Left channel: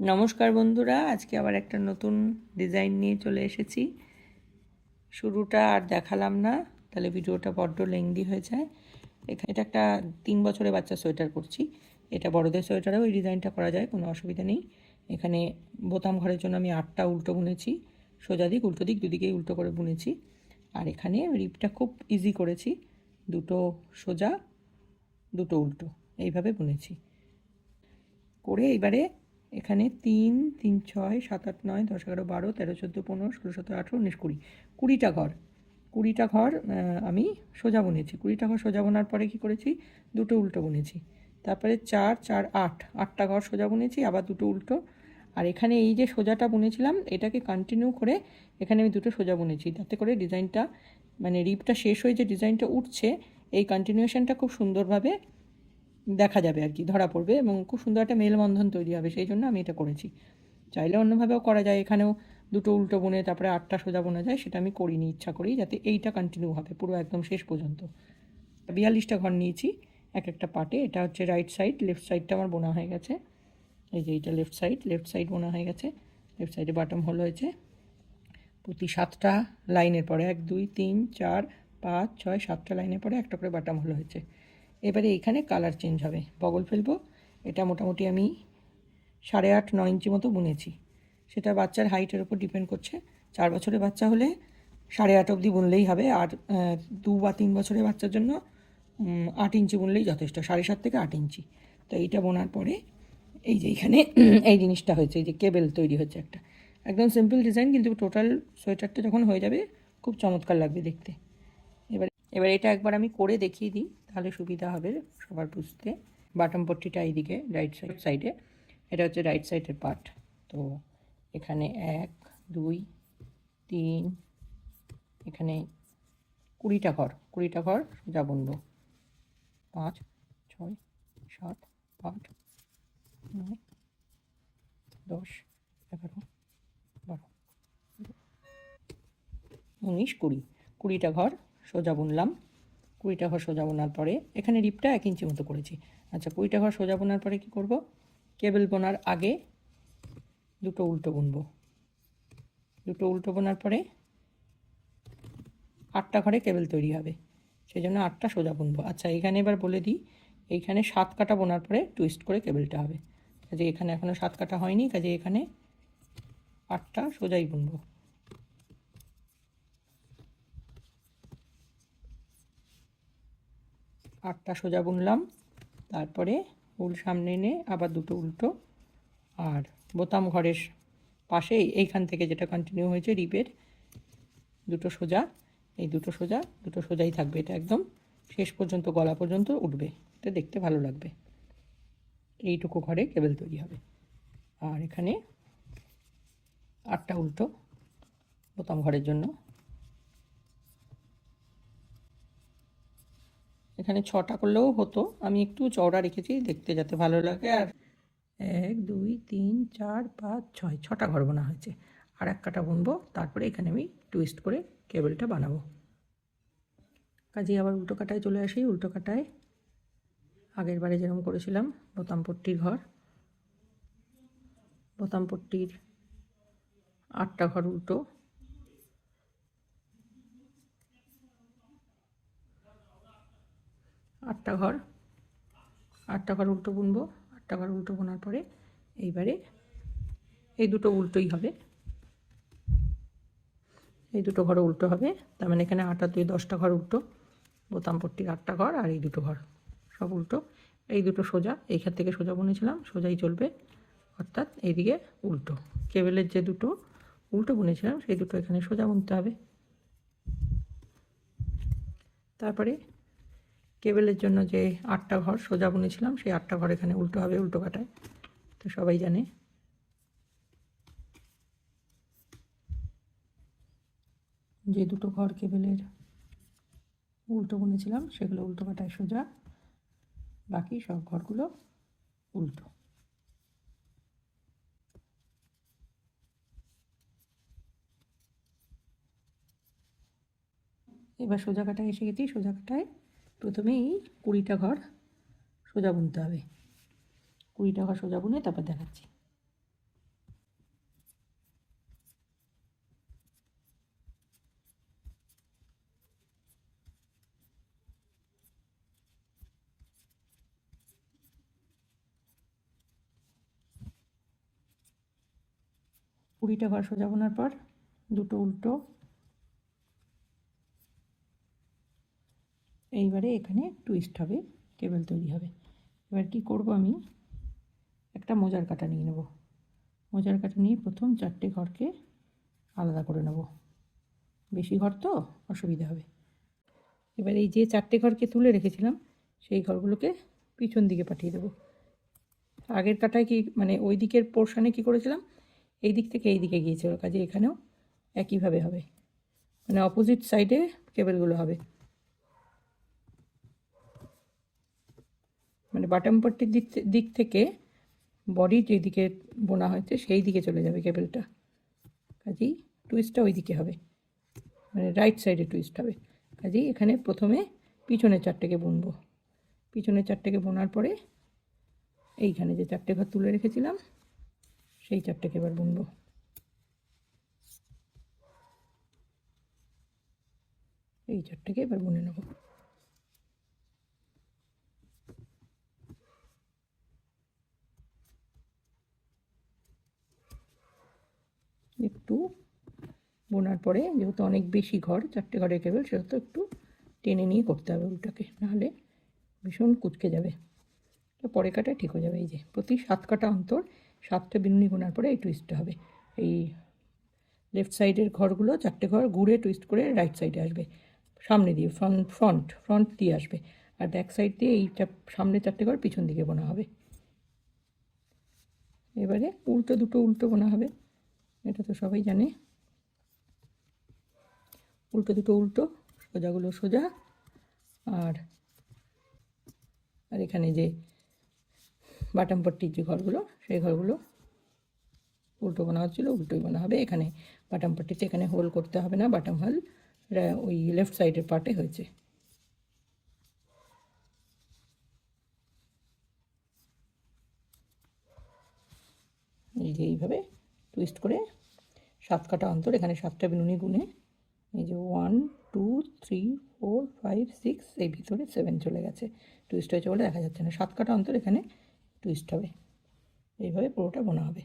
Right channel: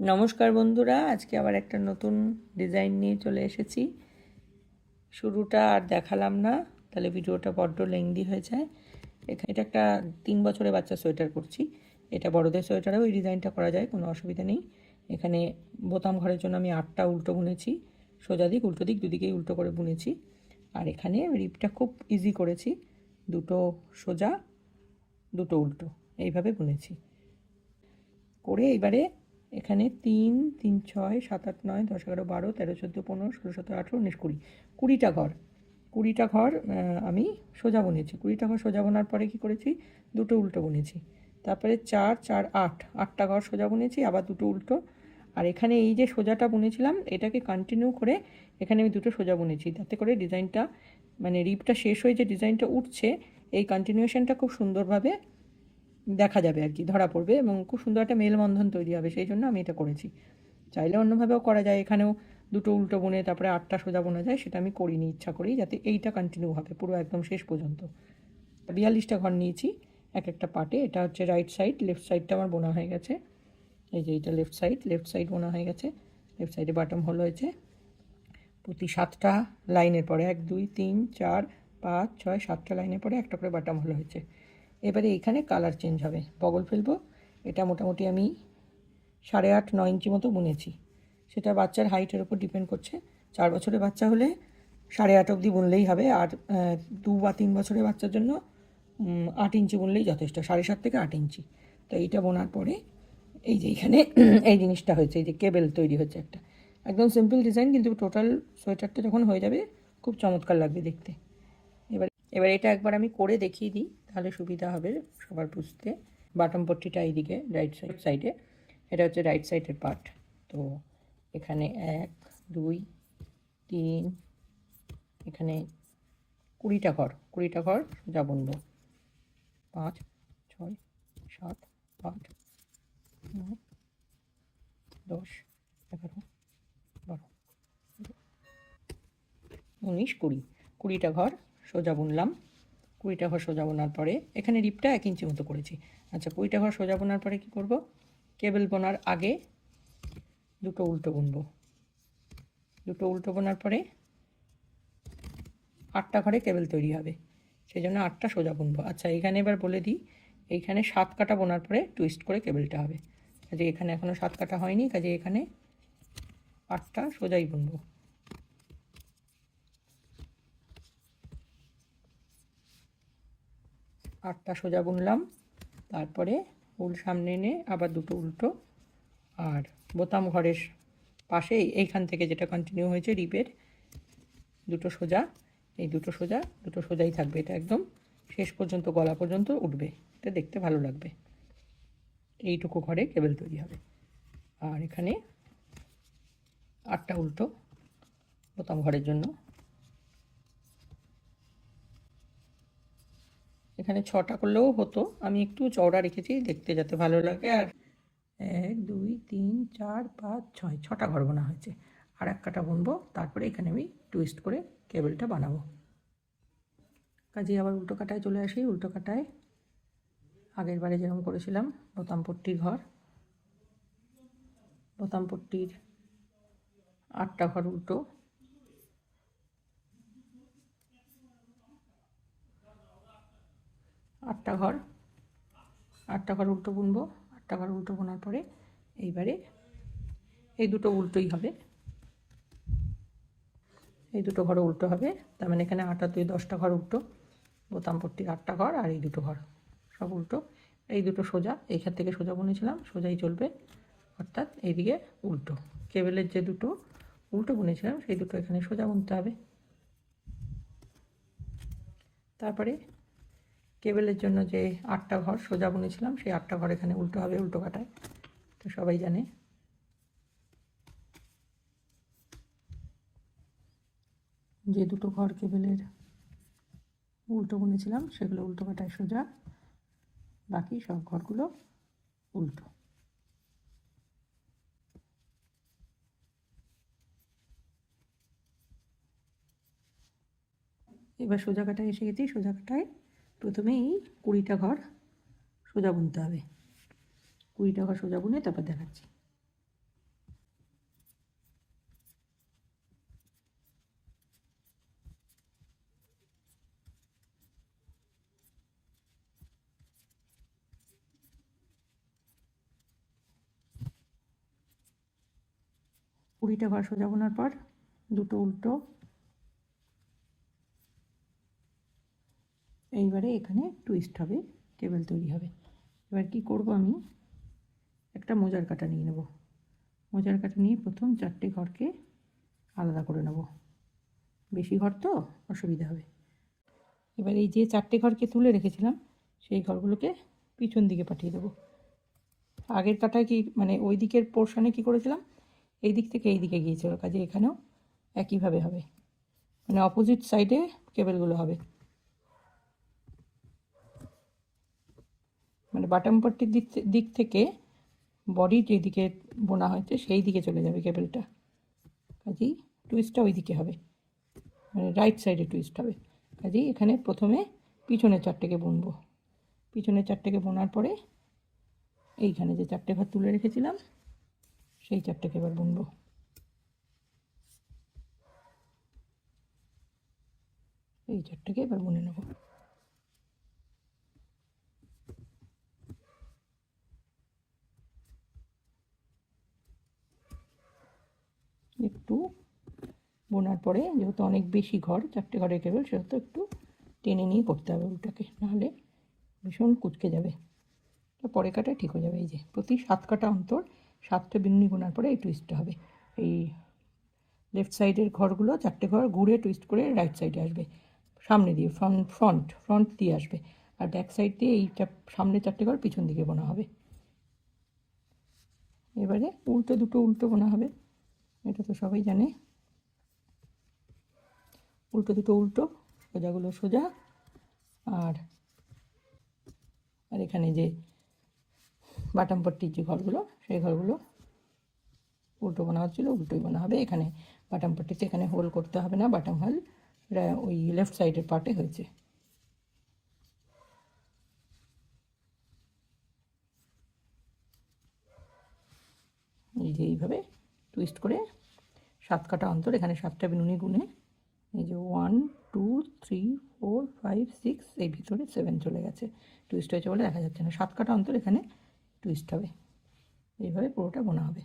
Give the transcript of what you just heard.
নমস্কার বন্ধুরা, আজকে আবার একটা নতুন ডিজাইন নিয়ে চলে এসেছি। শুরুটা আর দেখালাম না, তাহলে ভিডিওটা বড্ড লেংদি হয়ে যায়। এটা একটা 3 বছরের বাচ্চা সোয়েটার করছি। এটা বড়দের সোয়েটারেও এই ডিজাইনটা করা যায়, কোনো অসুবিধা নেই। এখানে বোতাম ঘরের জন্য আমি 8টা উল্টো বুনেছি, সোজা দিক উল্টো দিক দুদিকেই উল্টো করে বুনেছি। আর এখানে রিপটা খুব ইজি করেছি, দুটো সোজা দুটো উল্টো এইভাবে বুনেছি। করে এবারে এখানে 3 3 6 7 8 9 10 11 12 13 14 15 16 17 18 19 20 20টা ঘর। 20টা ঘর আমি সোজা বুনেছি। 20টা ঘর সোজা বোনার পরে কি করেছি, দুটো উল্টো বুনেছি। তারপরে 4 4 8 8টা ঘর সোজা বুনেছি, আবার দুটো উল্টো। আর এখানে এই যে সোজাটা বুনেছিলাম এটাকে কন্টিনিউ করে এখানে আমি দুটো সোজা বুনেছি, তাতে করে ডিজাইনটা মানে রিপটা শেষ হয়ে যে ডিজাইনটা উঠছে এই কন্টিনিউশনটা খুব সুন্দরভাবে দেখা যাবে আর কি, ধরা পড়বে এবং খুব সুন্দর একটা মেলবন্ধন তৈরি হবে। সেই জন্য আমি এটা করেছি। চাইলে অন্যভাবেও করা যায়, এখানেও দুটো উল্টো বুনে তারপরে 8টা সোজা বোনা যায়, সেটা আমি করিনি ইচ্ছা করেই, যাতে এইটা কন্টিনিউ হবে পুরো একদম শেষ পর্যন্ত। 42টা ঘর নিয়েছি এক একটা পার্টে। এটা হচ্ছে রাইট সাইড, লেফট সাইডটা আমার বোনা হয়ে গেছে। এই যে এইটা লেফট সাইড বোনা হয়ে গেছে। লেফট সাইডে বাটম হোল হয়েছে প্রতি 7টা লাইনের পরে, 1 2 3 4 5 6 7টা লাইনের পরে একটা করে বাটম হোল হয়েছে। এবারে এইখানে কালার চেঞ্জ হবে, বগল ফেলবো। এটা মোটামুটি আমি 8.5 9 ইঞ্চি মতো বুনেছি। সেটা বাচ্চার হাইটের ওপর ডিপেন্ড করছে। 4 বছরের বাচ্চা হলে 8.5 অবধি বুনলেই হবে, আর 2 বা 3 বছরের বাচ্চার জন্য 8 ইঞ্চি বুনলেই যথেষ্ট, 7.5 থেকে 8 ইঞ্চি। তো এইটা বোনার পরে এই যে এখানে এই জিনিসটা হয়েছে, এই যে কেবেল তৈরি হচ্ছে একটা, একদম সিম্পল ডিজাইন, কিন্তু টোটাল সোয়েটারটা যখন হয়ে যাবে খুব চমৎকার লাগবে দেখতে। এবার এবার এটা একবার আমি করে দেখিয়ে দিই, তাহলে সুবিধা হবে সবার বুঝতে। বাটম পট্টিটা এইদিকে রাইট সাইডে, এটা হচ্ছে রাইট সাইডের পার্ট। তো এখানে 1 2 3, এখানে 20টা ঘর, 20টা ঘর সোজা বুনবো। 5 6 7 8 9 10 11 12 19 20, 20টা ঘর সোজা বুনলাম। 20টা ঘর সোজা বোনার পরে এখানে রিপটা 1 ইঞ্চি মতো করেছি। আচ্ছা, 20টা ঘর সোজা বোনার পরে কি করব, কেবল বোনার আগে দুটো উল্টো বুনবো। দুটো উল্টো বোনার পরে 8টা ঘরে কেবল তৈরি হবে, সেই জন্য 8টা সোজা বুনবো। আচ্ছা, এখানে এবার বলে দিই, এইখানে 7 কাটা বোনার পরে টুইস্ট করে কেবলটা হবে। কাজে এখানে এখনও 7 কাটা হয়নি, কাজে এখানে 8টা সোজাই বুনবো। 8টা সোজা বুনলাম, তারপরে ফুল সামনে এনে আবার দুটো উল্টো, আর বোতাম ঘরের পাশে এইখান থেকে যেটা কন্টিনিউ হয়েছে রিপের দুটো সোজা, এই দুটো সোজা দুটো সোজাই থাকবে। এটা একদম শেষ পর্যন্ত গলা পর্যন্ত উঠবে, এটা দেখতে ভালো লাগবে। এইটুকু ঘরে কেবল তৈরি হবে। আর এখানে 8টা উল্টো বোতাম ঘরের জন্য। এখানে 6টা করলেও হতো, আমি একটু চওড়া রেখেছি দেখতে যাতে ভালো লাগে। আর 1 2 3 4 5 6, 6টা ঘর বোনা হয়েছে। আর এক কাটা বুনবো, তারপরে এখানে আমি টুইস্ট করে কেবলটা বানাবো। কাজেই আবার উল্টো কাটায় চলে আসি। উল্টো কাটায় আগের বারে যেরকম করেছিলাম, বোতাম পট্টির ঘর, বোতাম পট্টির 8টা ঘর উল্টো, 8টা ঘর 8টা ঘর উল্টো বুনবো। 8টা ঘর উল্টো বোনার পরে এইবারে এই দুটো উল্টোই হবে, এই দুটো ঘর উল্টো হবে। তার মানে এখানে 8 আর 2 10টা ঘর উল্টো, বোতাম পট্টির 8টা ঘর আর এই দুটো ঘর সব উল্টো। এই দুটো সোজা, এইখান থেকে সোজা বুনেছিলাম সোজাই চলবে, অর্থাৎ এইদিকে উল্টো। কেবেলের যে দুটো উল্টো বুনেছিলাম সেই দুটো এখানে সোজা বুনতে হবে। তারপরে কেবেলের জন্য যে 8টা ঘর সোজা বুনেছিলাম সেই 8টা ঘর এখানে উল্টো হবে উল্টো কাটায়, তো সবাই জানে। যে দুটো ঘর কেবেলের উল্টো বুনেছিলাম সেগুলো উল্টো কাটায় সোজা, বাকি সব ঘরগুলো উল্টো। এবার সোজা কাটায় এসে গেছি। সোজা কাটায় প্রথমে এই 20টা ঘর সোজা বুনতে হবে। 20টা ঘর সোজা বুনে তারপর দেখাচ্ছি। 20টা ঘর সোজা বোনার পর দুটো উল্টো, এইবারে এখানে টুইস্ট হবে, কেবল তৈরি হবে। এবার কি করব, আমি একটা মোজার কাটা নিয়ে নেব। মোজার কাটা নিয়ে প্রথম 4টে ঘরকে আলাদা করে নেব, বেশি ঘর তো অসুবিধা হবে। এবার এই যে 4টে ঘরকে তুলে রেখেছিলাম সেই ঘরগুলোকে পিছন দিকে পাঠিয়ে দেবো। আগের কাটায় কি মানে ওই দিকের পোর্শনে কি করেছিলাম, এই দিক থেকে এই দিকে গিয়েছিল, কাজে এখানেও একইভাবে হবে, মানে অপোজিট সাইডে কেবেলগুলো হবে। মানে বাটম পার্টির দিক থেকে বডি যেদিকে বোনা হয়েছে সেই দিকে চলে যাবে কেবেলটা, কাজেই টুইস্টটা ওই দিকে হবে, মানে রাইট সাইডে টুইস্ট হবে। কাজেই এখানে প্রথমে পিছনের 4টেকে বুনবো। পিছনের 4টেকে বোনার পরে এইখানে যে 4টে ঘর তুলে রেখেছিলাম সেই 4টেকে এবার বুনবো। এই 4টেকে এবার বুনে নেব। একটু বোনার পরে যেহেতু অনেক বেশি ঘর, 4টে ঘরের কেবল, সেহেতু একটু টেনে নিয়ে করতে হবে উল্টাকে, নাহলে ভীষণ কুচকে যাবে। তো পরে কাটা ঠিক হয়ে যাবে। এই যে প্রতি 7 কাটা অন্তর 7টে বিনুনি বোনার পরে এই টুইস্টটা হবে। এই লেফট সাইডের ঘরগুলো 4টে ঘর ঘুরে টুইস্ট করে রাইট সাইডে আসবে, সামনে দিয়ে ফ্রন্ট দিয়ে আসবে, আর ব্যাক সাইড দিয়ে এইটা সামনে 4টে ঘর পিছন দিকে বোনা হবে। এবারে দুটো উল্টো বোনা হবে, এটা তো সবাই জানে। দুটো উল্টো, সোজাগুলো সোজা, আর এখানে যে বাটম পট্টির যে ঘরগুলো সেই ঘরগুলো উল্টো বোনা হচ্ছিলো উল্টোই বোনা হবে। এখানে বাটম পট্টিতে এখানে হোল করতে হবে না, বাটম হোল ওই লেফট সাইডের পার্টে হয়েছে। এই যে এইভাবে টুইস্ট করে 7 কাটা অন্তর এখানে 7টা বিনুনি গুনে, এই যে 1 2 3 4 5 6, এই ভিতরে 7 চলে গেছে, টুইস্ট হয়েছে বলে দেখা যাচ্ছে না। 7 কাটা অন্তর এখানে টুইস্ট হবে, এইভাবে পুরোটা বোনা হবে।